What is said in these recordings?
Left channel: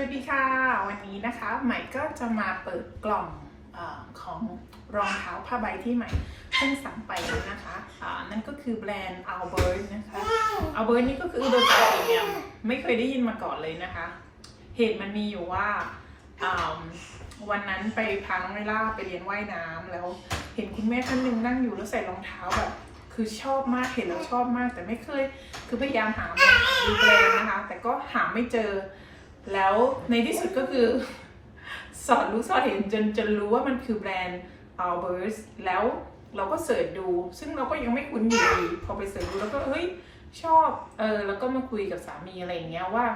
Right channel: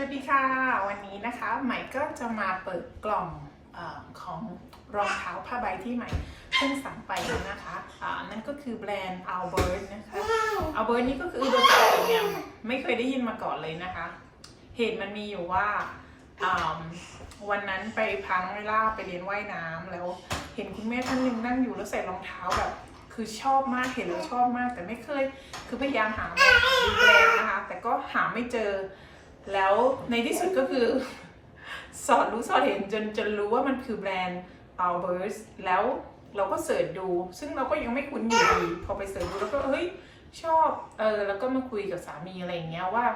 วัสดีค่ะ วันนี้นะคะใหม่ก็จะมาเปิดกล่องอของรองเท้าผ้าใบที่ใหม่เพิ่งสั่งไปนะคะอ่านั่นก็คือแบรนด์ Albert นะคะ Albert นี่ก็คือโดยปกติเนี่ยไม่เคยได้ยินมาก่อนเลยนะคะ เหตุมันมีอยู่ว่าวันนั้นไปพาน้องเวล่าไปเรียนว่ายน้ำแล้วเห็นคุณแม่ท่านหนึ่งนั่งอยู่แล้วใส่รองเท้าแบบคือชอบมากเห็นแล้วชอบมากแต่ไม่เคย คือพยายามหามาดูแบรนด์นะคะ แต่ก็หาไม่เจอ แล้วในที่สุดก็คือ สอดรู้สอดเห็นจนจนรู้ว่ามันคือแบรนด์ Albers แล้วเราก็เสิร์ชดู ซึ่งเราก็ยังไม่คุ้นอยู่ดีพอไปเสิร์ชดูแล้วก็เฮ้ยชอบเออแล้วก็มาคุยกับสามีอะไรอย่างเงี้ยว่า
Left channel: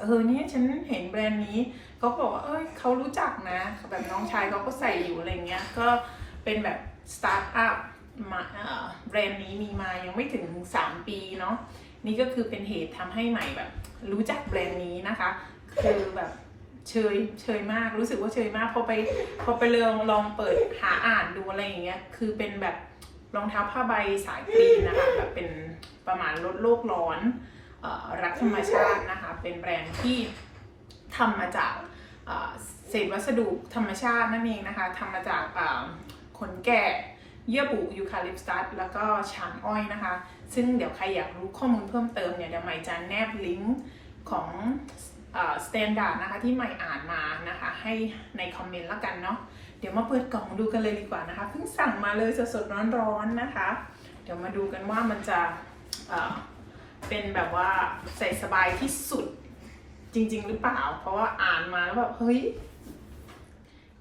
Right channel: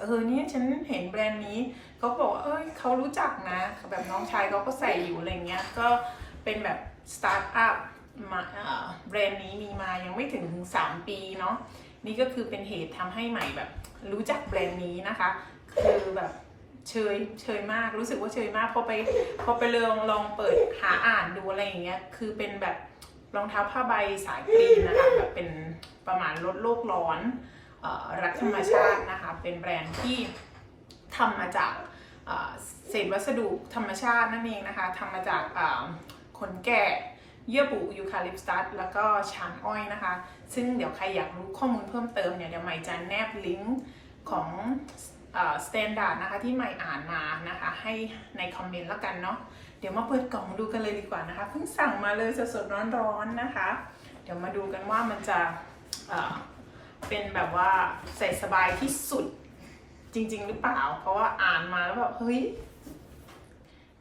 เออเนี่ยฉันเห็นแบรนด์นี้เขาบอกว่าเอ้ยเขารู้จักนะแบบน้องชายเขาก็ใส่อยู่อะไรเงี้ยก็เป็นแบบสตาร์ทอัพมาแบรนด์นี้มีมายังไม่ถึง 3 ปีเนาะ นี่ก็คือเป็นเหตุทำให้ใหม่แบบ รู้จักแบรนด์นี้นะคะ คือแบบเชยเชยมากรู้สึกว่าเชยมากพอไปพอไปลองลองเปิดหาอ่านดูอะไรอย่างเงี้ยคือเป็นแบบรองเท้าผ้าใบสายกรีนนะคะแบบเป็นประมาณลดโลกร้อนออรักธรรมชาตินะคะเป็นแบรนด์ที่ทำมาจากเศษวัสดุธรรมชาตินั่นเองนะคะทำมาจากขนแกะเยื่อบุยูคาลิปตัสแล้วก็ชานอ้อยนะคะ ซึ่งเดี๋ยวใครอยากรู้ข้อมูลเพิ่มเติมเนี่ยเดี๋ยวใหม่จะแนบลิงก์ของสแตนดาร์ดนะคะที่ใหม่อ่านมานะคะ ให้ในคอมเมนต์แล้วกันเนาะเดี๋ยวมาเปิดกล่องดูกันเลยดีกว่านะคะเพิ่งสั่งมาเลยสดๆร้อนๆนะคะ เดี๋ยวมาดูกันว่ามันจะเเป็นแบบว่าใส่สบายที่สุดจริง ๆ หรือเปล่า เพราะว่าอ่านมาแล้วแบบเฮ้ย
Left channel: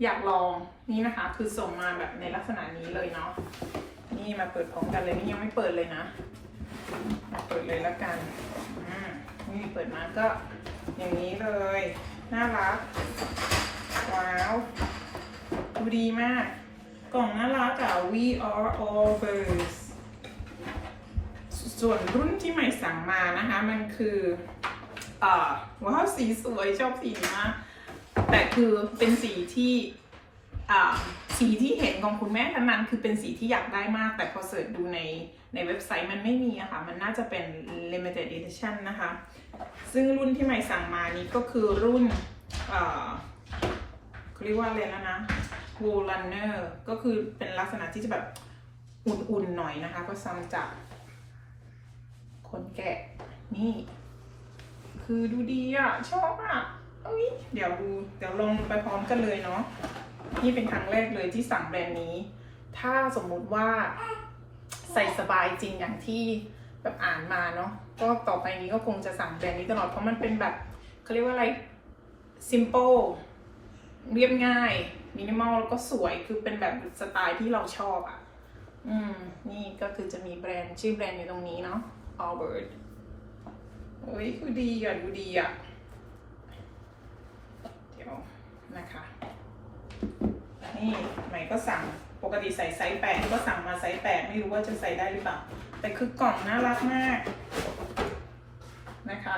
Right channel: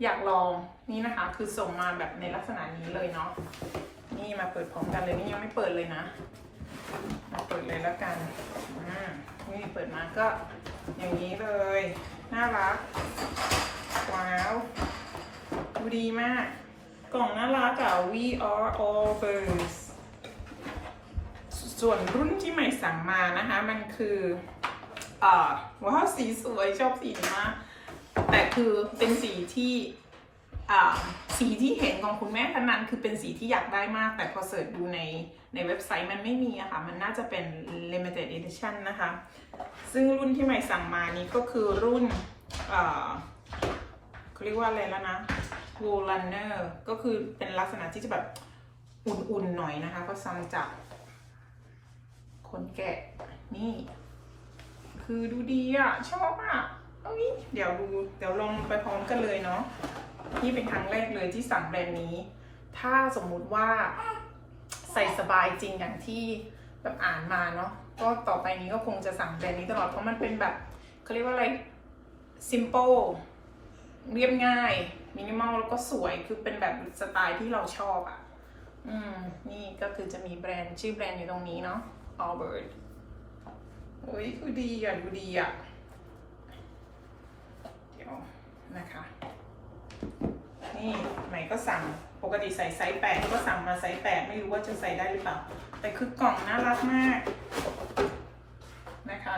อยากลองนี่นะคะ คือส่งมาแบบในลักษณะนี้เลยเนาะนี่มาเปิดพร้อมกันเลยนี่ยังไม่เปิดเลยนะ เปิดเลยแล้วกันอ่านี่เปิดมาก็อย่างนี้เลย น่ารัก ว้าว ดูดีมาก กล่องน่ารักอะ We are all birds ส่วนรุ่นที่ใหม่สั่งมานะคะ มันคืออ่าว้าวสีสวยชอบสีนี้มาก แต่คือเป็นสีที่อ่าสีที่เห็นของคุณแม่ท่านนั้นคือเป็นสีที่อยากได้มาก แต่พอเสิร์ชดูใน ในเว็บไซต์มันไม่มีอะค่ะ มันน่าจะเป็น limited edition นะคะ ซึ่งรุ่นที่ใหม่สั่งมานี้ก็คือรุ่นอ่าเขาเรียกว่าอะไรแล้วนะ wool runner ก็คือเป็นลักษณะที่จะแบบอุ่นๆหน่อยนะคะ ก็ซ้ำจากขนแกะนี่ คือดูดีอะชอบอะเอ้ยเดี๋ยวดู เดี๋ยวลองไปพร้อมกันเลยเนาะนี่เป็นครั้งแรกเลยที่สั่งแบรนด์นี้ ถ้าสมมุติว่า ใส่สบายจริงอย่างที่แบบอ่านมาเนาะก็ต่อไปนี้ก็คงจะสั่งแบรนด์นี้ตลอดเพราะมันเป็นแบบเขาเรียกว่าอะไร simple เรียบง่าย มินิมอลแล้วก็สวยคือเป็นแบบสไตล์ที่เราชอบอะ อืม นี่ก็คือจะมีแบรนด์ชื่อแบรนด์อยู่ตรงนี้เนาะ Albert เฮ้ยคือดีอะดูดีอะ เดี๋ยวนะคะ นี่ใหม่ก็สั่ง ปกติใส่ไซส์แปดก็สั่งมาไซส์แปดไม่รู้ว่าจะใส่ได้หรือเปล่า แต่คือกล่องน่ารักมากนะคะ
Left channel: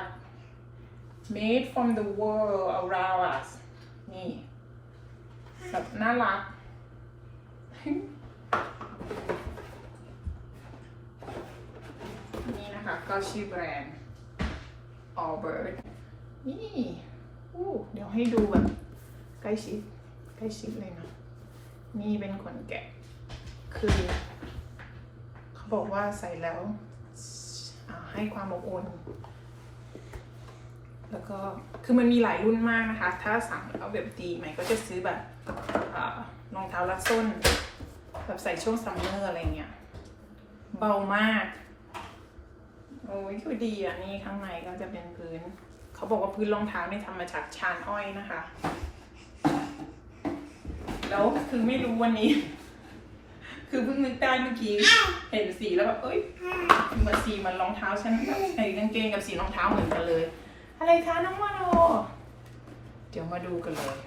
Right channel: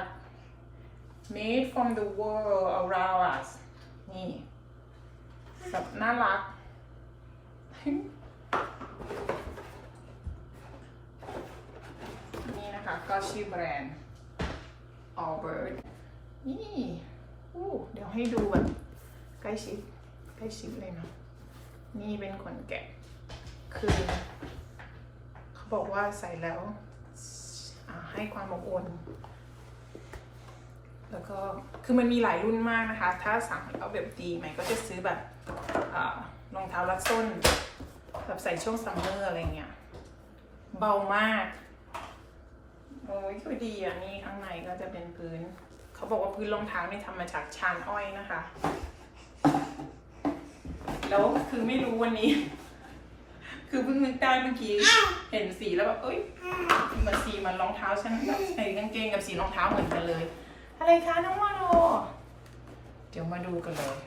made from the world around us นี่แบบน่ารัก นี่นะคะก็ชื่อแบรนด์ Albert นี่อู้เดี๋ยวให้ดูแบบใกล้ชิดใกล้ชิดเลยนะ นี่เป็นขนแกะ คือ เขาบอกว่าใส่แล้วให้ความอบอุ่น แล้วก็ คือมันมีหลายรุ่นมากนะคะ ถ้าสั่งแล้วแบบดีใหม่ก็จะซื้อแบบรองเท้ารัดส้น แบบใส่ช่วงซัมเมอร์อะไรเงี้ย เบามาก โอ้ยคือดีอะ นี่ข้างในก็จะเป็นพื้น เขาบอกว่าพื้นรองเท้านี่ทำมาจากชานอ้อยนะคะ แล้วคือไม่รู้วันนี้ คือเพิ่งนึกได้เมื่อกี้ เห็นสีแล้วแบบเอ้ยมือนสีมันรองเท้าฉันใส่กางเกงกับสีรองเท้าเหมือนกันเลย อะไรคะน้องวาโนเดี๋ยวมาดูกันเลย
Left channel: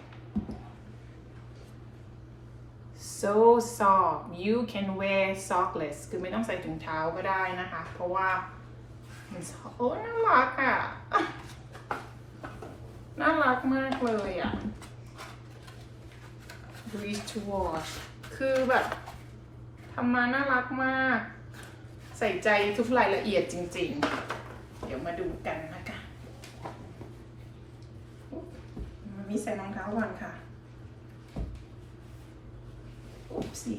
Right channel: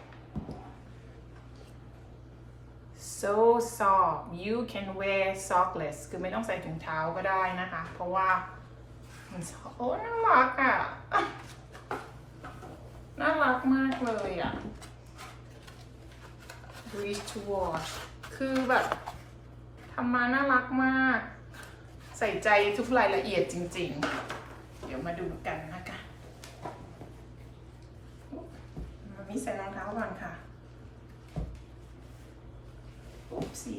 so soft you can wear sockless คือไม่ต้องใส่ถุงเท้าก็ได้นะคะ เพราะว่ามันโอ้น่ารักอะ น่ารักมากเลยอะ breeze to wash คือแบบทำมาน่ารักมาก ใส่ใจทุกรายละเอียดจริงๆ เดี๋ยวมาดูกันนะคะนี่ใส่รองเท้าก่อนค่ะอุ๊บสิ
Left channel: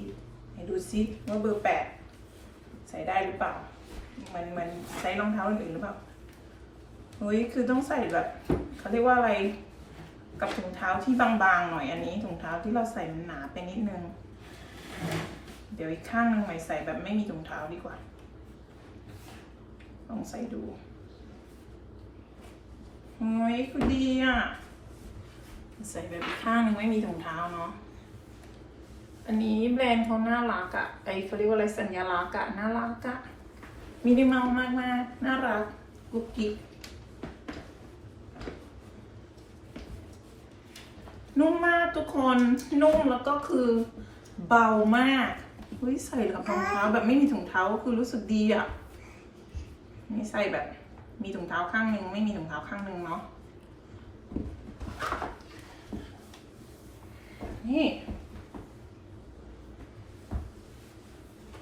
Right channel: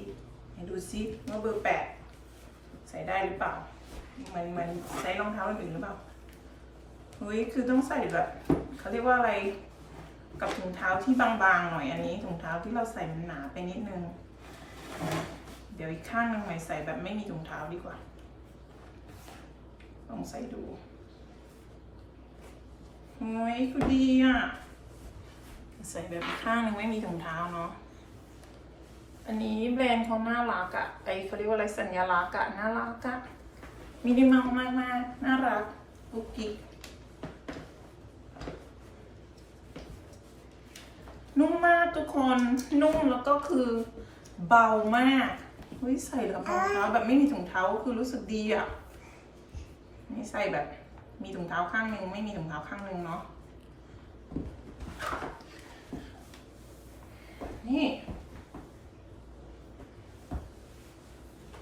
ไหนดูซิว่าเบอร์แปดใส่ได้หรือเปล่า มันมันใส่รองเท้าอื่นหรือเปล่าเฮ้ยคือต้องใส่แบบเขาเรียกว่าอะไร กับถุงเท้าที่บางๆหน่อยอันนี้ถุงเท้าที่เราใส่มันหนาไปนิดนึง เดี๋ยวอีกข้างหนึงใหม่ใส่แบบไม่มีถุงเท้าดีกว่า ลองใส่ดูโอ้ยคือดีอะใส่แบบอีกข้างหนึงไม่มีถุงเท้าเนาะอันนี้แบรนด์เขาน่ารักอะไอเขาเรียกว่าอะไรสัญลักษณ์อะน่ารักอะมินิมอลมากมากๆน่ารักกุ๊กกิ๊ก นุ่มมากทุกคนนุ่มแล้วก็คือเบามากเฮ้ยใส่กับรองเท้าแบบไม่มีถุงเท้าคือรู้สึกดีอะนี่ใส่แบบมีถุงเท้าข้างหนึ่งไม่มีถุงเท้าข้างหนึ่งเนาะนี่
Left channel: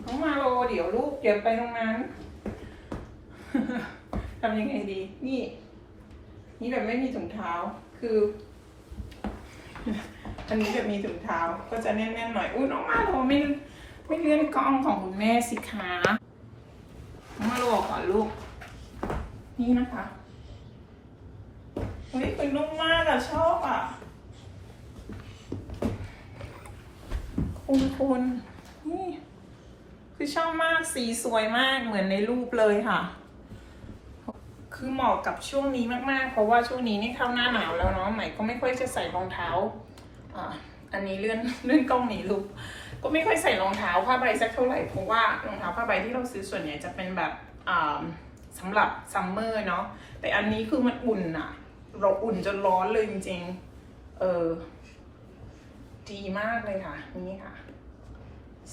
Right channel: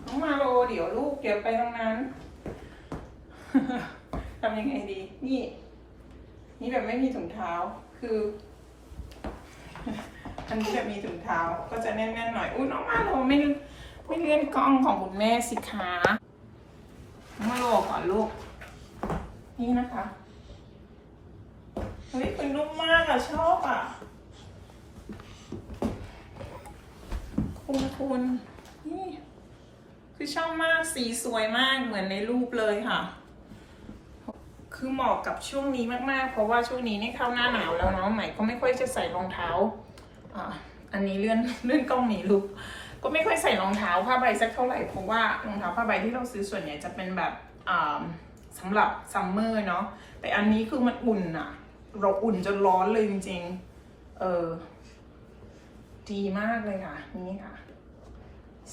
น้องมาโลเดี๋ยวลูกเดี๋ยวไปตรงนั้นทำยังไงดี นี่ นี่แบบไม่มีถุงเท้าคือ อันนี้แบบมีถุงเท้าก็จะแน่นๆหน่อยอุ้ยน้องมาโลไม่ไม่เลื่อนกล้องของคุณแม่สิคะน้องมาโลก่อนลูก นี่นะคะเฮ้ยเป็นนุ่มมากอะชอบอะคุณคุณนี่คือชอบมากสีสวยมากเหมือนในรูปเลยค่ะ คือเหมาะกับช่วงนี้มากๆ เพราะว่าช่วงนี้นี่เข้าหน้าหนาวแล้วเนาะใหม่ก็ไม่ค่อยจะใส่รองเท้าอ่าอันนี้เลื่อนเลื่อนกล้องหนีลูกก็ไม่ค่อยใส่รองเท้าผ้าใบสักเท่าไหร่เพราะว่ารองเท้าผ้าใบที่เราซื้อส่วนใหญ่จะเป็นแบบอ่าสำหรับซัมเมอร์เนาะแต่อันนี้คือมันอุ่นอะเราอุ่นจนร้อนเลยจริงๆเออดีมากเลยค่ะ นี่ค่ะ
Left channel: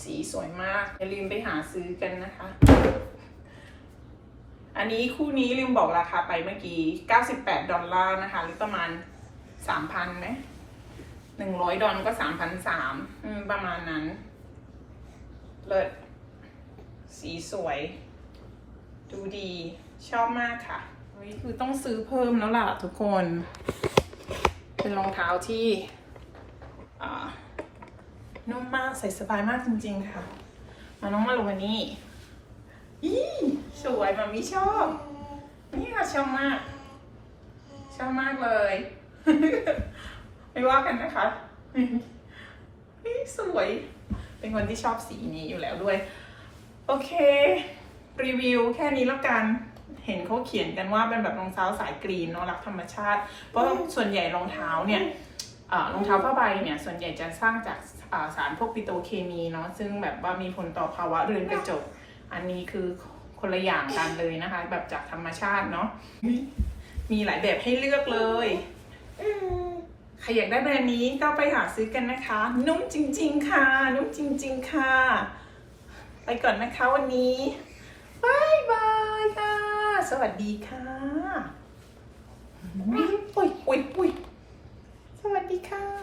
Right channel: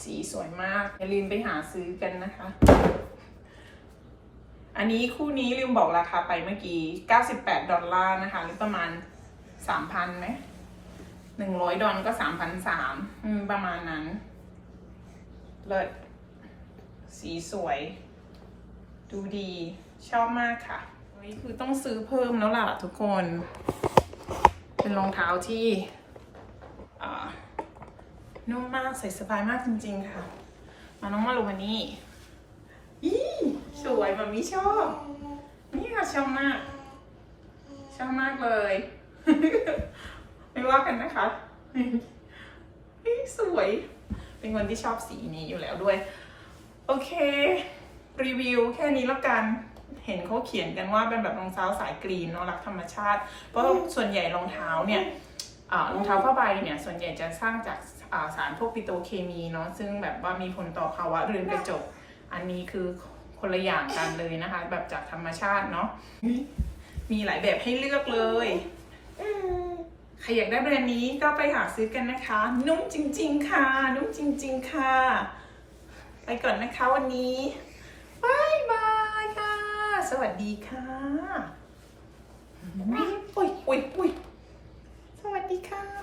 สีสวยมาก อย่าลืมไปหาซื้อกันนะคะ อันนี้คู่นี้ลืมบอกราคาไปเมื่อกี้ 98 ดอลลาร์นะคะหรือประมาณ 3,000ไหม100ดอลก็3,300อืมประมาณนั้น เลิศ สีสวย ดูดี ชอบมากค่ะเฮ้ยคือต้องซื้อเพิ่มแล้วล่ะทุกคน เป็นรองเท้าที่นุ่มมากใส่สบายมากจริงๆค่ะ มาน้องมาลูวันนี้ อีสวยมามีชอบนี่ค่ะชอบมาก ชอบมากเลย ไม่ว่ากันนะคะนี่สวย เป็นคนที่ชอบสีนี้อยู่แล้วด้วย โอเค รีวิวแค่นี้แล้วกันเห็นเขาเขียนกันว่าเป็นแบบรองเท้าสายกรีนเนาะรักธรรมชาติ เพราะส่วนใหญ่รองเท้าเนี่ยรองเท้าผ้าใบเนี่ยส่วนใหญ่จะสร้างจากสารพวกปิโตเคมีเนาะซึ่งแบบว่ามีผลต่อภาวะเรือนกระจก อันนี้คือคนละอย่างกันเลยนะคะ แบบจากธรรมชาติเนาะมีหลายแบบให้เลือกเลยใครอยากได้แบรนด์นี้ก็ไปหาซื้อกันนะคะ นุ่มจริง ๆ ค่ะ นุ่มจริง ๆ ค่ะ ไปก่อนนะคะวันนี้บายบายค่ะ สวัสดีค่ะอุ้ยอุ้ยอุ้ยสวัสดีค่ะ